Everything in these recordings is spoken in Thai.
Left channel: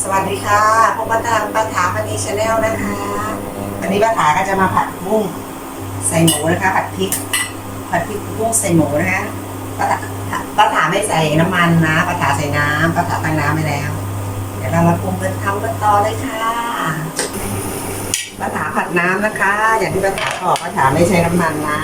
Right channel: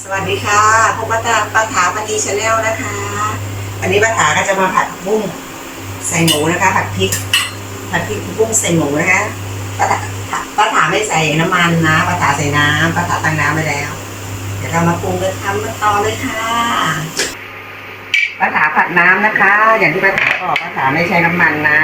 สวัสดีค่ะพบกับตาป้าถาปณีชาแนลนะคะ วันนี้ป้าถาก็จะมาผัดบุ้งใส่หมูนะคะ ผัดพริก ผัดพริกบุ้งใส่หมูนะคะป้าถาป้าถาไม่ใส่น้ำมันนะป้าถาใส่น้ำป้าถาตั้งน้ำไปแล้ว เดี๋ยวเรามาปรุงกันทำกันต่อเลยค่ะป้าถาผัดน้ำนะคะ อย่างที่ป้าถาบอกป้าถาไม่ใช้น้ำมันนะ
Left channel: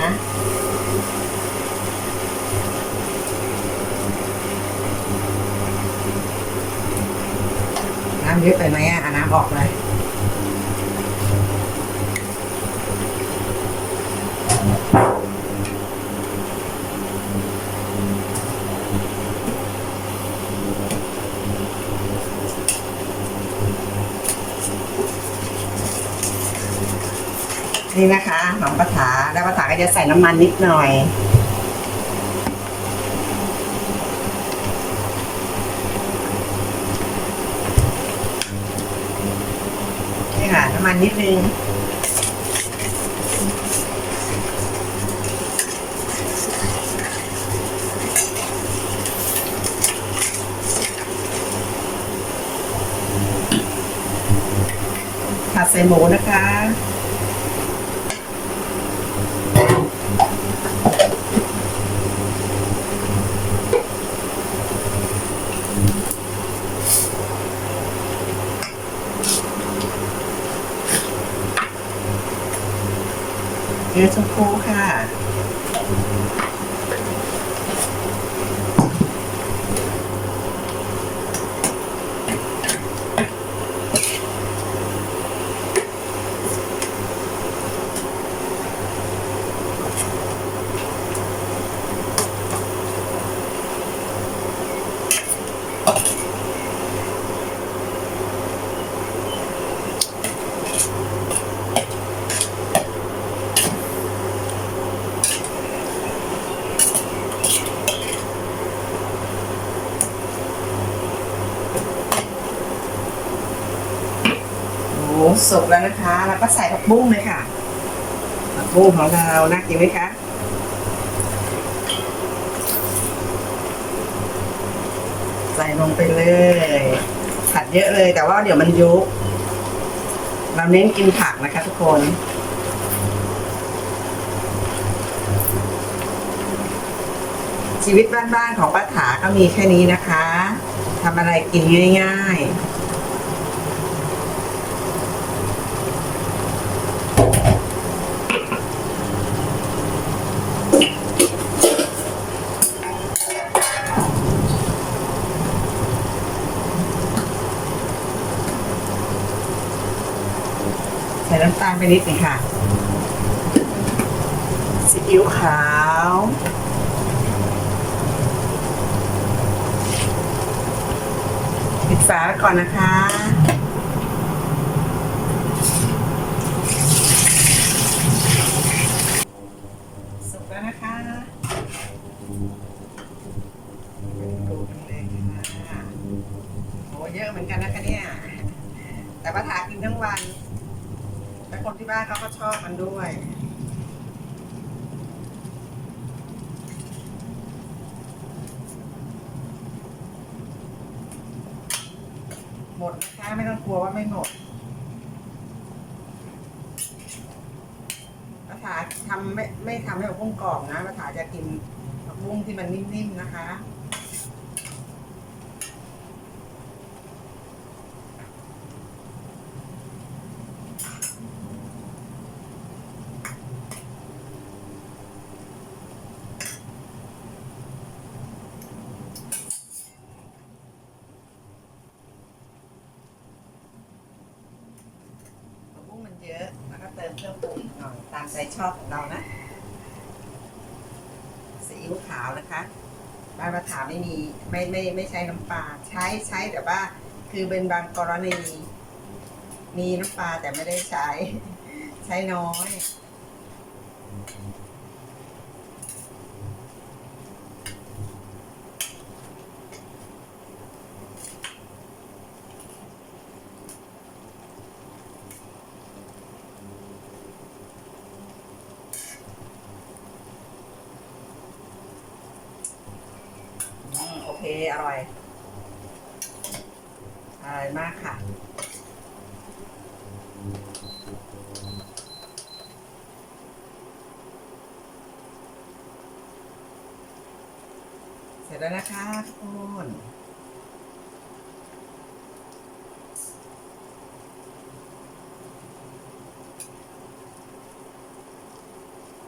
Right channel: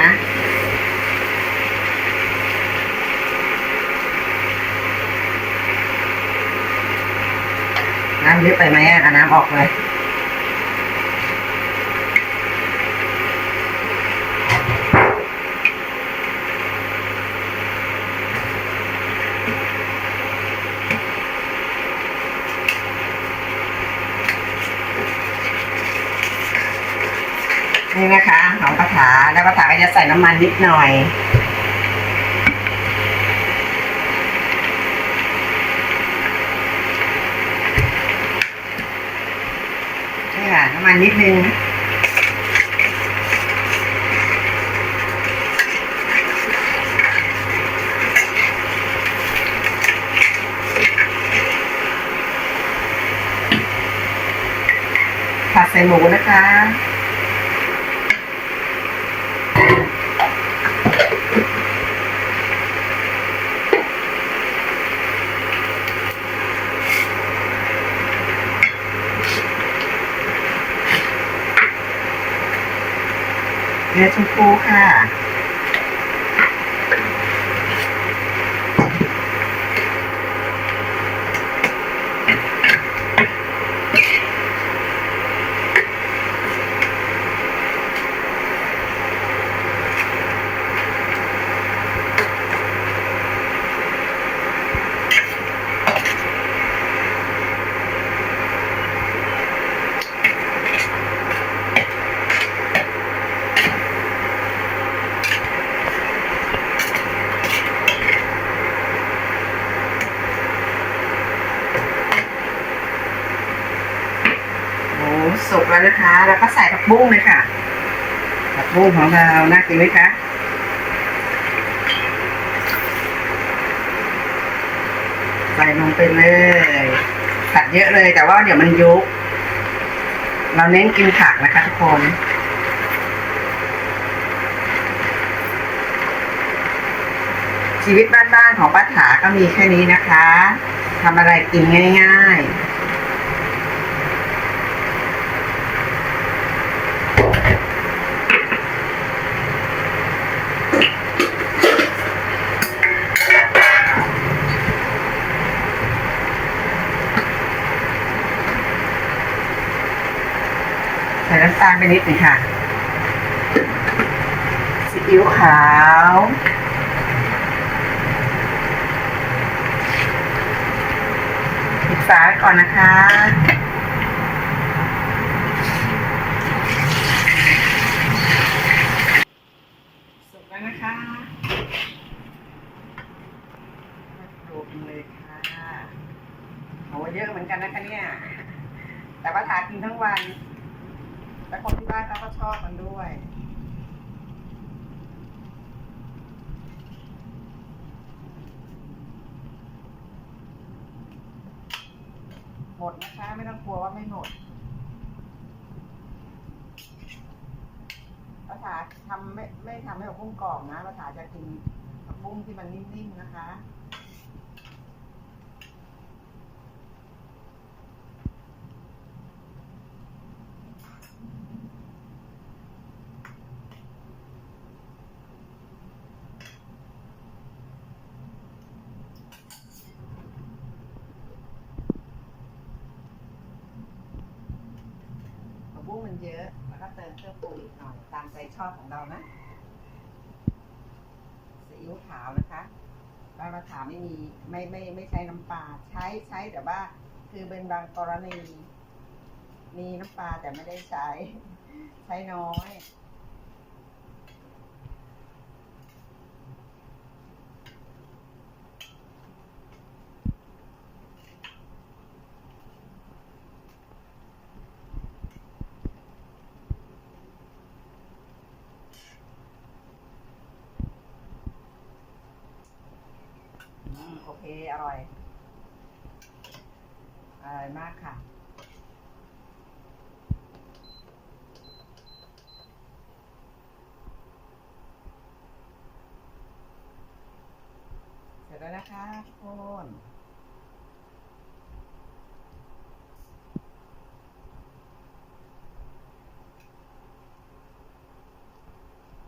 น้ำเยอะไปไหมอะน้ำออกเลยนี่นะคะของปะถาแล้วปะถาก็จะใส่น้ำมันนิดหน่อย นี่ ค่ะน้ำมันนิดนึงผัดใส่หมูนะคะ เนื้อชมพูค่ะ หมู สุกแล้วนะคะ แล้วก็ใส่ผักบุ้งเลยค่ะ ผักบุ้งของเรา น่ากินไหมคะใส่ลงไปเลย ผัดเยอะเลยแต่ว่าเดี๋ยวมันยุบ เราเน้นกินผักนะคะทุกคนชีวิตบ้านๆของป้าถาก็มีแค่นี้นะคะ ทำอะไรกินง่าย ๆ ใส่น้ำตาลไปนิดหนึงค่ะซีอิ๊วขาวปิดฝาก่อนนะคะสุกแล้วนะคะดูกันเลยค่ะโหเยอะเหมือนกันนะคะเนี่ย แต่ว่าทากินทั้งวัน และคนที่บ้านเขาก็ชอบมันด้วย หมดนะคะไม่ต้องกลัวว่าไม่หมดปาถาทำไม่ไม่ทำให้ผักบุ้งกรอบนะปาถาจะกินผักบุ้งที่มันนิ่มๆนะคะ ผักบุ้งมันเยอะ แล้วก็เติมเครื่องปรุงอีกหน่อย ตาม ใจชอบของเรานะซีอิ๊วขาวนะคะบานประถาไม่มีไม่ไม่ไม่ใช้น้ำปลาใช้ใช้แต่ว่าคือเป็นบางกรณีมีน้ำปลาแต่ไม่ได้ใช้ ใช้น้อย อืมโอเคอร่อย อร่อยมากค่ะ เสร็จแล้วนะคะทุกคน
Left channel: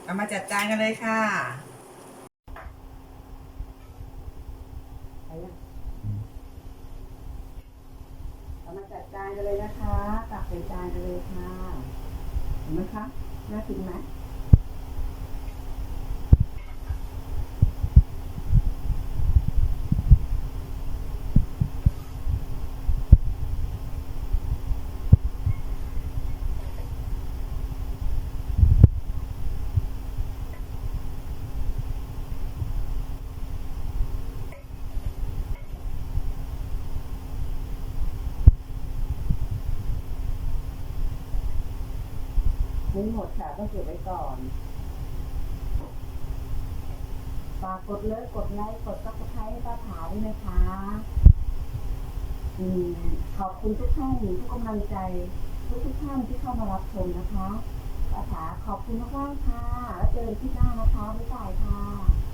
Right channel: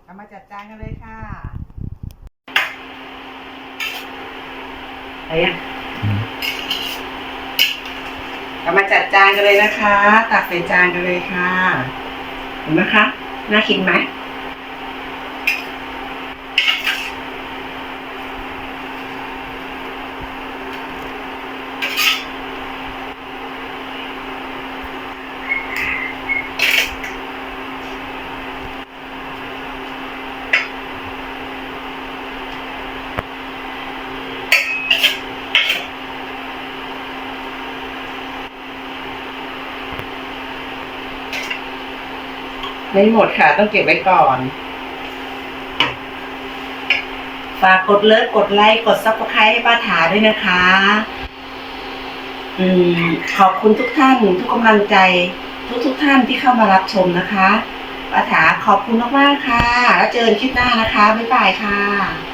เอามาจัดจานกันเลยค่ะ อะไรยังเอามาจัดจานกันเลยนะคะ ตักใส่จานกันเลยค่ะ เห็นไหมคะ น่ากินไหม ไม่หมดค่ะ ต้องเก็บไว้ก่อน ฝากกดเลิฟกดไลค์ กดซับสไครต์ให้ป้าถาด้วยนะคะ อืม ขอบคุณทุกท่าน ทุกกำลังใจ ทุกทุกท่านที่เข้ามารับชมนะคะป้าถาขอบคุณมากๆค่ะ แล้วเจอกันคลิปหน้านะคะ บ๊ายบายค่ะ